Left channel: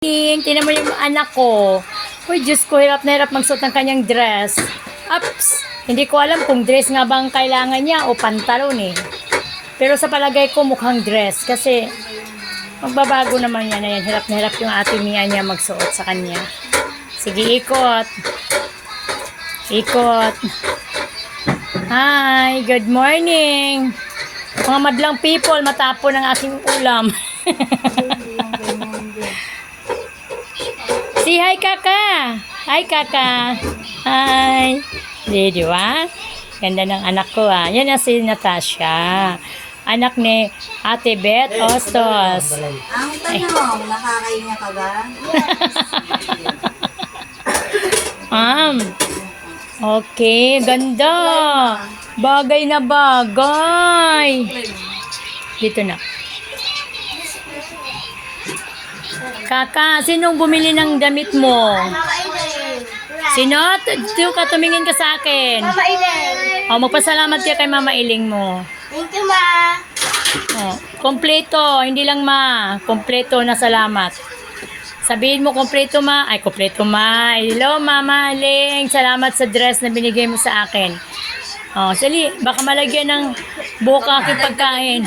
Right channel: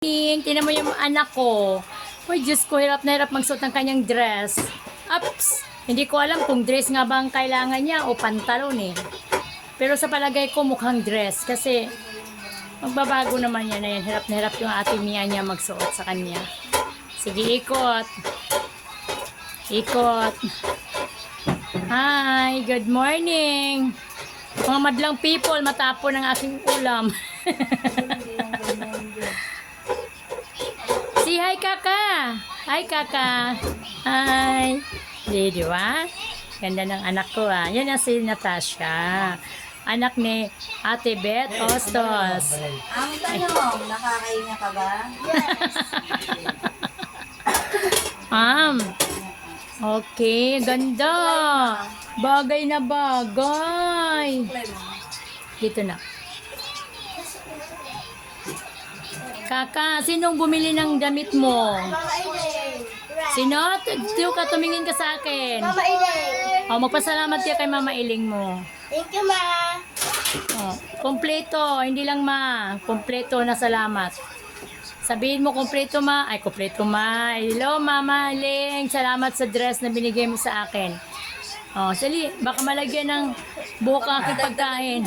Ting, tinan mo yung anak ko. Uy, Diyos ko, hirap na hirap magsuot ng kanyang dress. Ups! Hindi ko alam kung dress nga bang kailangan niya o pantalon eh. Pero sa palagay ko mukhang dress kasi magbabago naman yan na yan. Hirap na hirap yung ate Mia niya magsuot sa kanya. Sige, ikot. Ikot. Hi, good morning. Mga madlang people, matapon ang aking ulam. Si hi kaka. Hi kaka. Hi. Di, di ba? Ganda ng anak ko ah. Yan na si Natasha. Anak ni Ate Beth Ostos. Ang tanong, nakakainga ka ba? Ma'am. Okay, ganda. Bagay na bagay. Dito na. Kaka, sinong bumili ng damit mo? Sino? Tiyo ka, tumingin ka sa akin. Mama Inen. O, magpasalamat ka kay Mama Iling mo. Thank you, Ma. O, kompleto, hindi lang ma. Kompleto na salamat. Sabihin mo kompleto ma. Ay, kompleto ma. Hello, Mama Iling. Salamat sa dress na binigay mo sa akin. O, sali, baka malagyan ng buhok ang aking pagkain.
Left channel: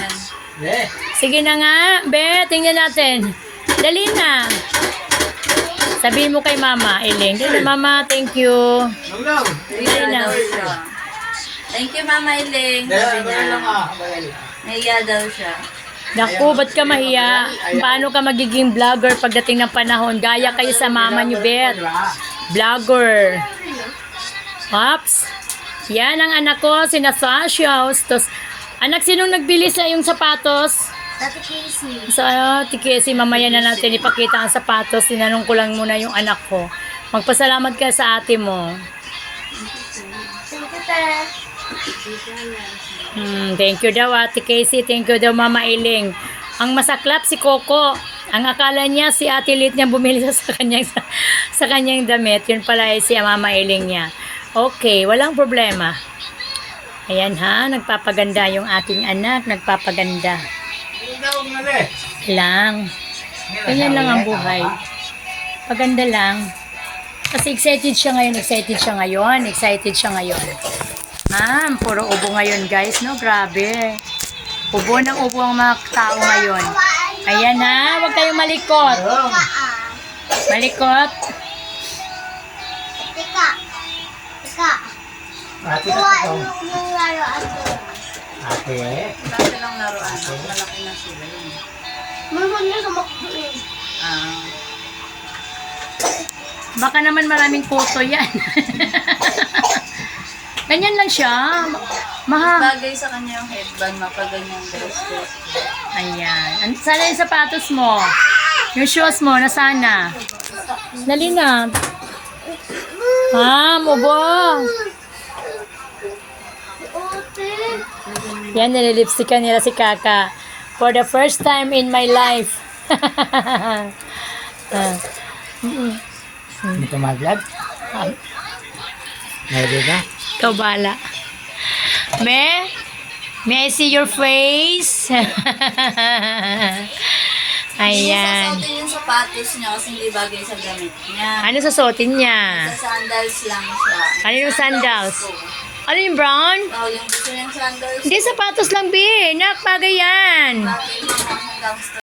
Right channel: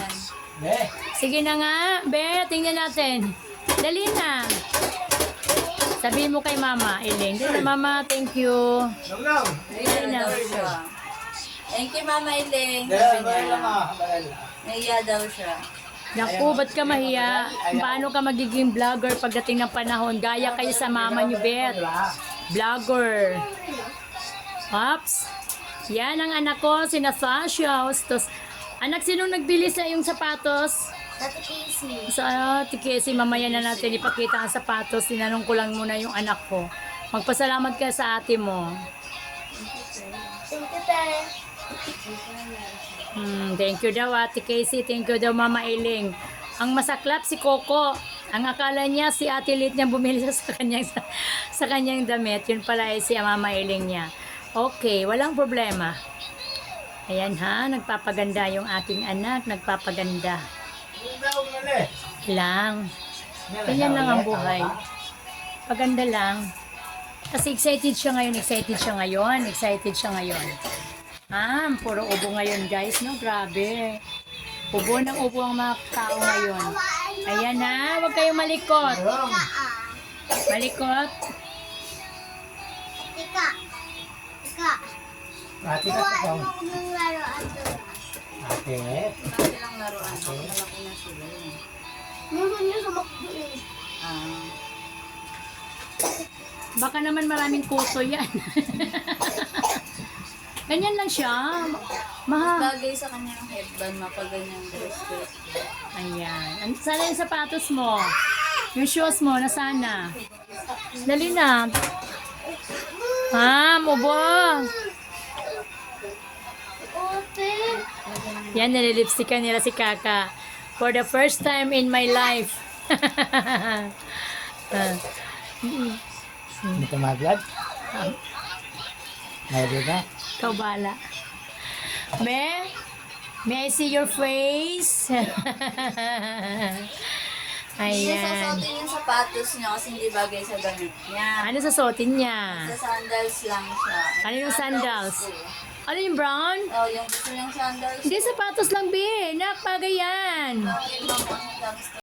Sige na nga, Be, tingnan natin. Dali na. Sabihin mo kay Mama, Iling. Dali na, Mama, thank you. Dali na. Thank you, Mama Iling. Sabi niya. Naiya daw siya. Naku, ba't ka mahiya? Paano ka magiging vlogger pagdating ng panahon? Gaya kayo sa mama niyo, Beth. Vlogger. Ops. Yan ang anak ko, si Natasha Hostos. Anak, sinong nagbili sa yung sapatos? Tati Casey. So, ano, tikisi, mamaya na natin ipakita ang sapatos. Tinanong ko lang muna yung anak ko. Magpasalamat ka sa ate mo. Thank you, Tara. Hmm, thank you daw Ate Casey, thank you daw Mama Iling. Ang masaklap si Coco. Ang akala niya si Ate Lit niya bumili sa, sa kanyang sa, sa kanyang damit. Yun pala ay si Mama Iling niya. Okay, walang problema. Ayan ha, nagpapaganda yung ating anak, nagpapaganda. Lang. Ganyan lang ang buhay. Paganda lang. Kasi excited siya ngayon, excited siya ngayon, excited siya ngayon. Ma'am, puro ubo ngayon guys, no? Grabe. Ubo ng ubo ang mga tao ngayon. Ayan ha, huwag kayong malikot. Malikot. Tika. Tika. Yung yung laruan doon. Ate, Dati lang laruan. Malaki na sila. Meron niya sa makdo eh. Ah. Baka naman maraming kuto yan. Ganyan lang siya. Maha. Bagay sa kanya yung headband, mapaganyang dress dress. Ayan. An- Sana yung sapatos mo. Yung shoes mo, nasana. Dali na. Ah, mubo. Yan, nililipstickan nila si Kaka. For the first time in my life. ah, dito mag-vlog. Ready na? ikaw bala. Me? May I see your face? Ayan. Sasautin yung sapatos niya kasi hindi bagay sa damit niya. Ano susuotin niya? Sa sandals lang siya. Ano yung sandals? Ano yung brown? Oh, yung gusto niyang sandals. Hindi, sapatos lang, Bi. Nakpagay yan. Bagay yung.